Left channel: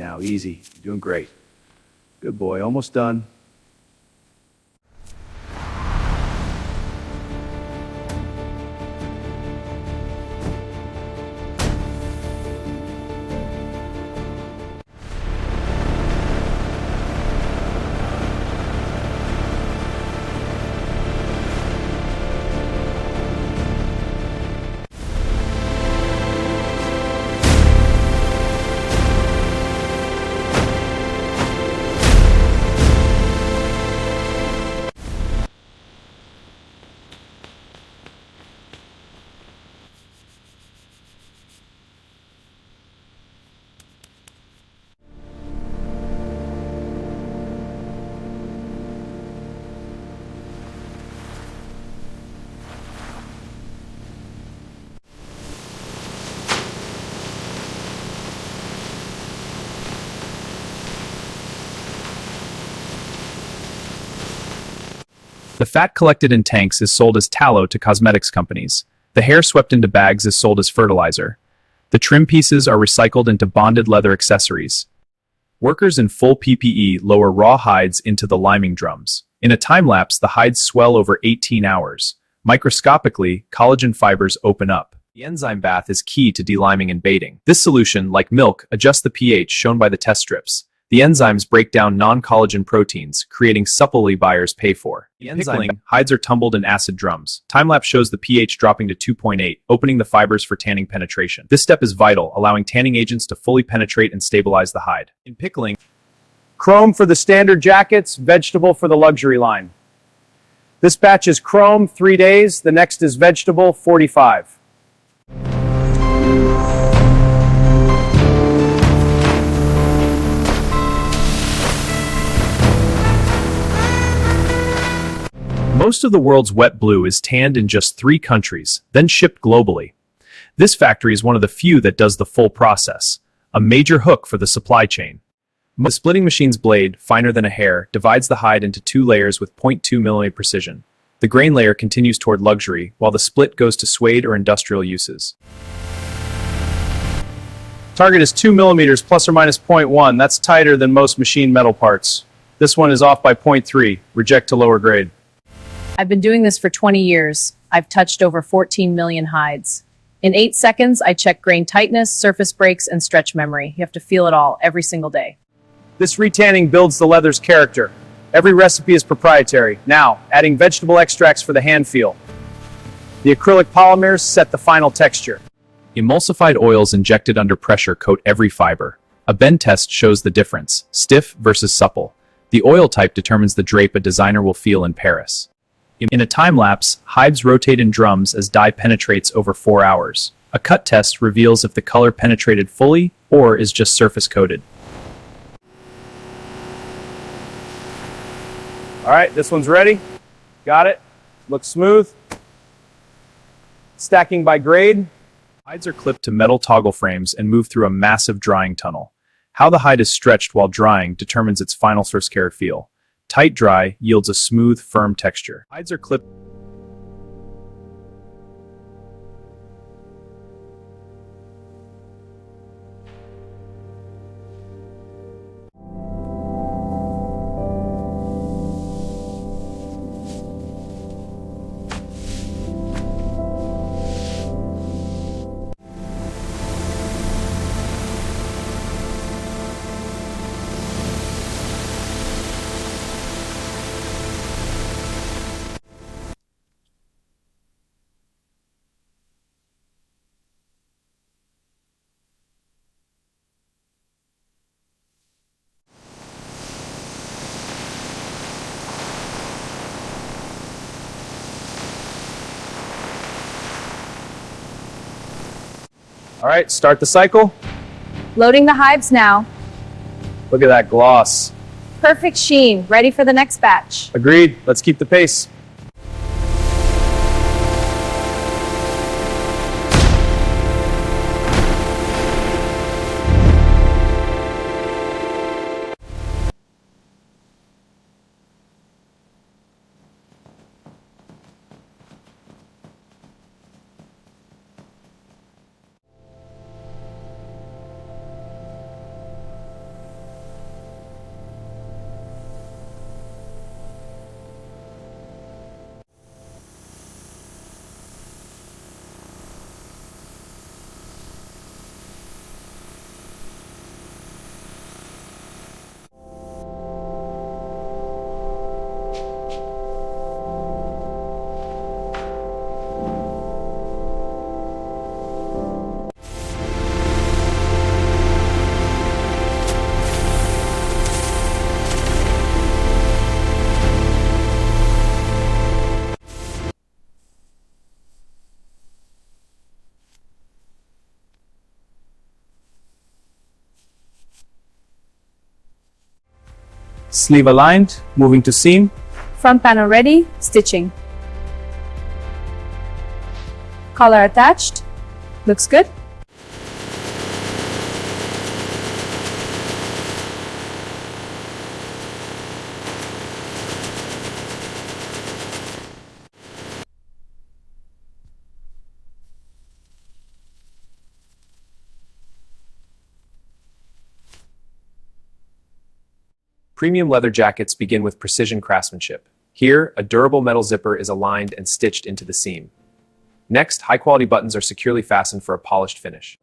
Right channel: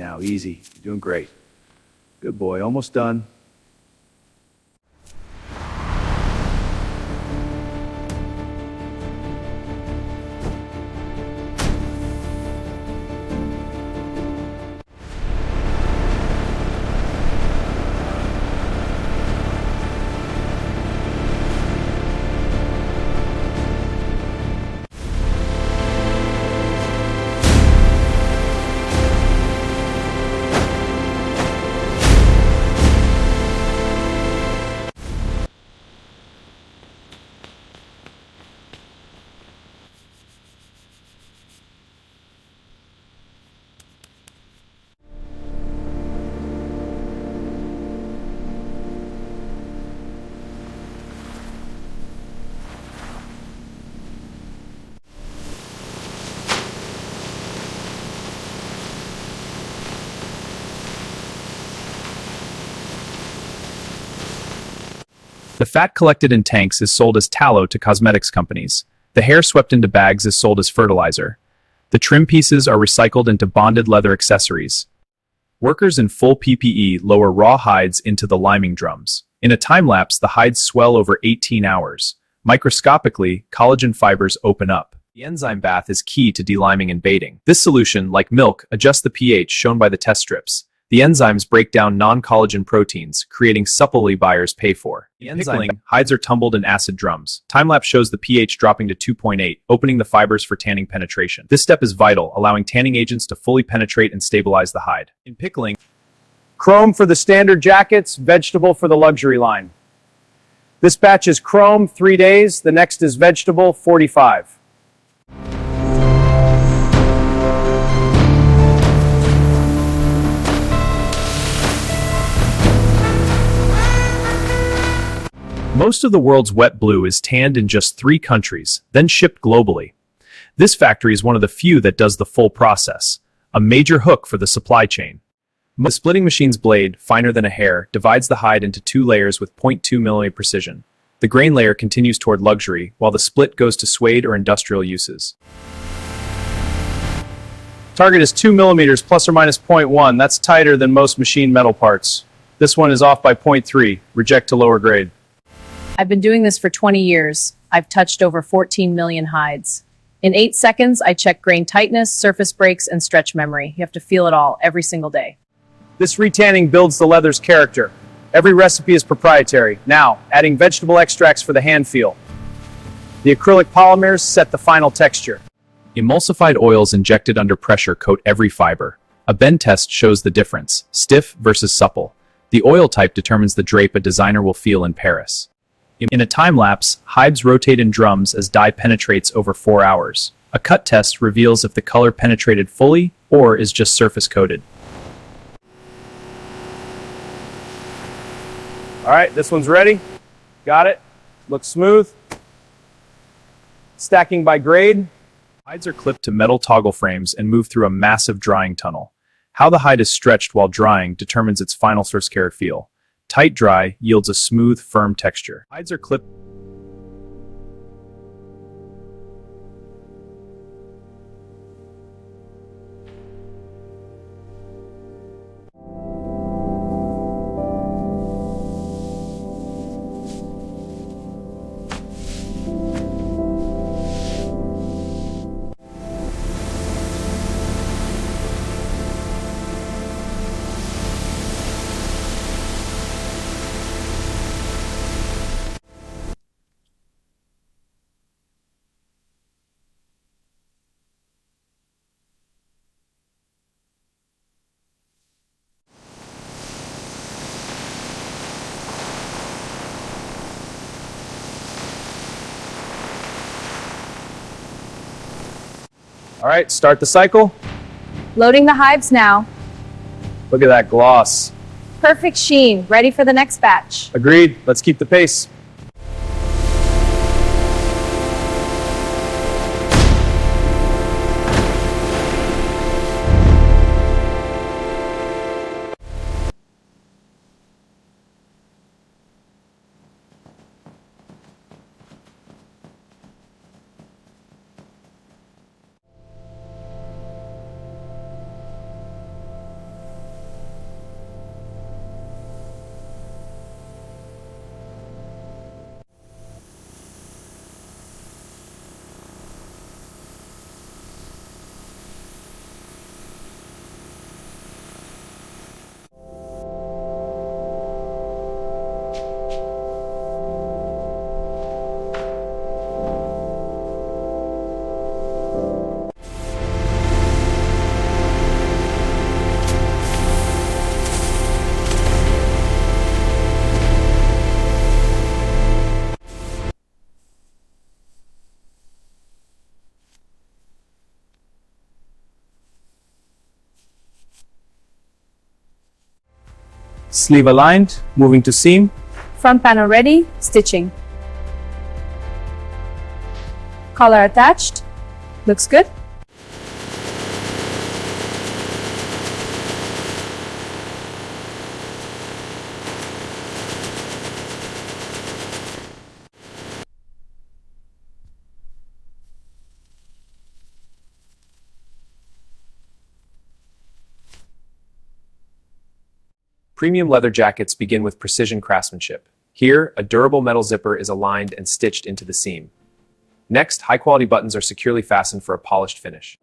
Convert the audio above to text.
now, easy. You're doing great. Good boy, almost done. The fat collected in tanks is sold as tallow to cosmetics companies. The hair swept into bags is sold as fertilizer. The trim pieces are recycled into bonded leather accessories. Workers in full PPE lower raw hides into the liming drums. In a time lapse, the hides swell over 18 hours. Microscopically, collagen fibers open up. The enzyme bath is key to deliming and baiting. This solution, like milk, adjusts the pH shown by the test strips. The enzymes break down non-collagen proteins, creating supply buyers pay for. In pickling, hides are tumbled in acid drums. Time-lapse shows the pH dropping to 2.8, opening the fibers for tanning penetration. This step is vital, allowing tanning agents to fully penetrate and stabilize the hide. In pickling, Chrome for the standard jackets, vegetable for the luxury line. This batch is chrome, 3 days. The next is vegetable, 45. most of the world's wet blue is tanned in just 3 countries, then shipped globally. This factory is one of the few that does the full process, a major hook for the supply chain. The splitting machine's blade, finer than a hair, divides the hide into 2 layers with 0.2 mm precision. The grain layer continues toward luxury, while the split goes to suede or industrial uses. Target is 2 millimeters plus or minus 0.1. That's tighter than most machine metal parts. This one is off by 0.3. Reject to lower grade. I've been doing this for 20 years. I've touched over 14 million hides. In 8 seconds, I check grain tightness, surface breaks, and stretch memory. You have to feel it all every single day. This retanning builds the leather's character. Every recipe is proprietary. Now, adding vegetable extracts for the hand feel. The acrylic polymers set the final texture. Emulsified oils injected under pressure coat every fiber. A bend test shows the difference, stiff versus supple. The oil type determines the drape a designer will feel in Paris. In a time lapse, hides rotate in drums as dye penetrates over 4 hours. A cut test reveals if the color penetrated fully or is just surface coated. All right, this one's ready. Got it. Looks smooth. Stacking by grade. Hides are clipped to metal toggle frames and move through a massive drying tunnel. How the hide is stretched while drying determines its final first care feel. Tight dry yields a smooth, firm texture. Hides are clipped. All right, start the cycle. Loading the hives now. Look at that gloss. Perfect sheen. Ready for the next batch. Agreed. Let's keep the pace. Sleeve aligned, moving to seam. Front panel ready, stitching. Collar attached. Looks good. Premium leather jackets begin with precision craftsmanship. Here, a durable metal zipper is aligned and stitched into the seam. Next, high-quality buttons are securely fastened for a polished finish.